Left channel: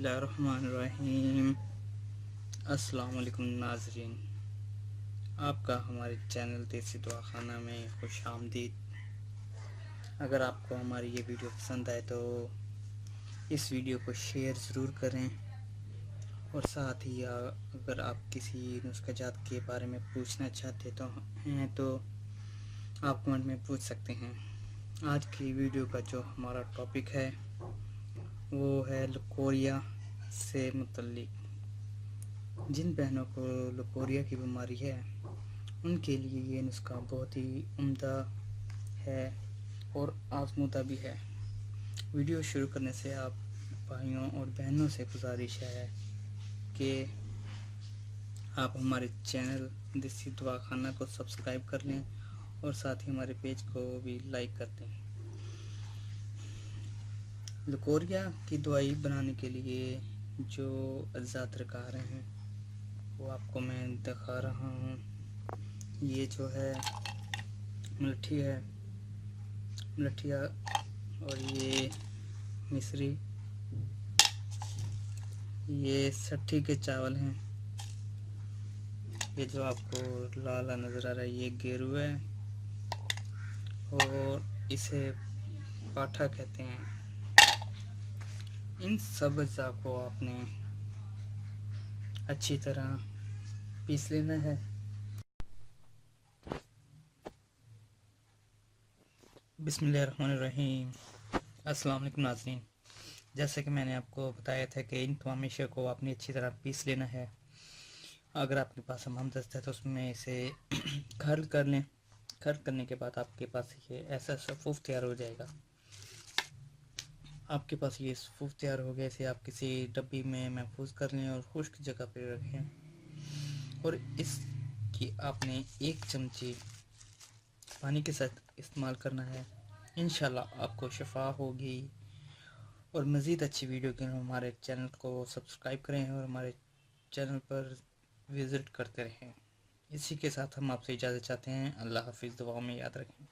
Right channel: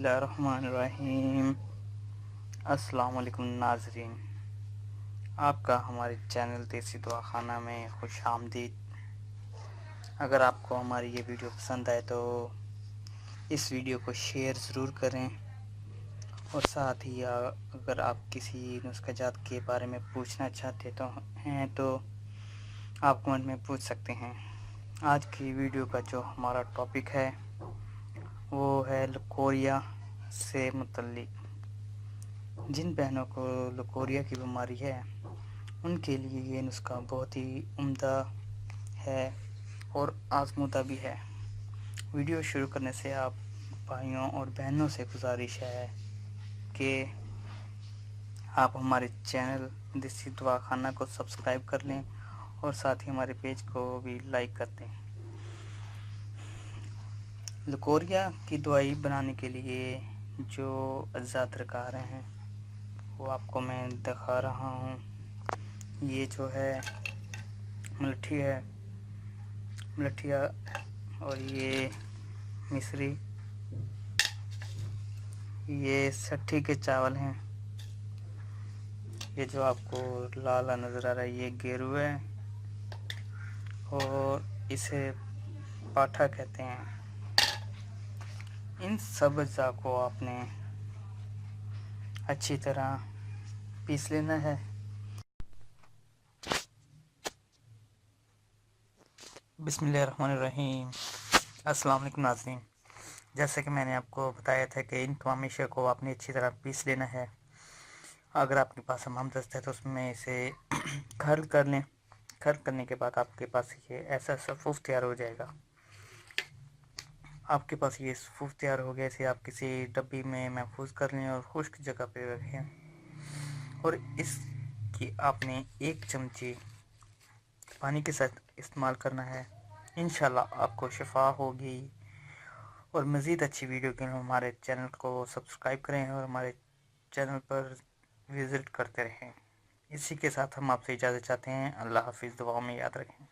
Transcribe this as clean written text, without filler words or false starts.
बिस्मिल्लाहिर्रहमानिर्रहीम। अस्सलाम वालेकुम नाज़रीन, आपका हमारे चैनल देसी दवाखाना में खुश आमदीद। अगर आपको हमारी ये वीडियो पसंद आए तो इस वीडियो को शेयर ज़रूर करें, और साथ ही अगर आप किसी नुस्ख़ा के बारे में पूछना चाहते तो आप कमेंट में पूछ सकते हैं। आज की वीडियो का जो हमारा टॉपिक है वो है लकोरिया से मुतल्लिक। जिन बहनों को लकोरिया की बीमारी है उनके लिए ये नुस्खा बहुत ही उम्दा है और आज़मूदा भी है। वीडियो शुरू करने से आप भाइयों और बहनों से गुजारिश है कि आप हमारे चैनल देसी दवाखाना को सब्सक्राइब कर लें और साथ ही हमारे पेज को भी लाइक कर दें। लकोरिया की दवाई बनाने के लिए जो अज्जा दरकार हैं वो आपको मैं दिखा रहा हूँ। ये जो है मलठी है, मलठिया, और ये मिश्री, ये सट्ठी के चावल हैं, ये जो आपको लाल नज़र आ रहा है ये गेरू है और इसे पाठा कहते हैं। इन सब अज्जा को आपने अच्छी तरह पीस लेना है। बिस्मिल्लाहिर्रहमानिर्रहीम। अस्सलाम वालेकुम नाज़रीन, जैसे कि मैंने आपको बताया था कि इन तमाम अशिया को आपने अच्छी तरह पीस लेना है। अगर आपके पास हमदस्त है तो उसमें इसे खर्ल कर लें। खर्ल करने के बाद आपके पास ये ऐसा सफ़ूफ़ तैयार हो जाएगा। आपके पास ये सफ़ूफ़ तैयार हो गया, इसे आप किसी डब्बी में महफूज कर लें और खुश्क जगह पर रखें। और इसकी आपने 1 चमची पानी के साथ इस्तेमाल करना है। इंशाल्लाह आपको शिफा होगी। और मज़ीद अच्छी वीडियो के लिए हमारे चैनल को सब्सक्राइब करें और हमारे चैनल पर विज़िट करते रहें। इसी के साथ हम आपसे इजाज़त चाहते हैं। अल्लाह हाफ़िज़। दुआओं में याद रखें।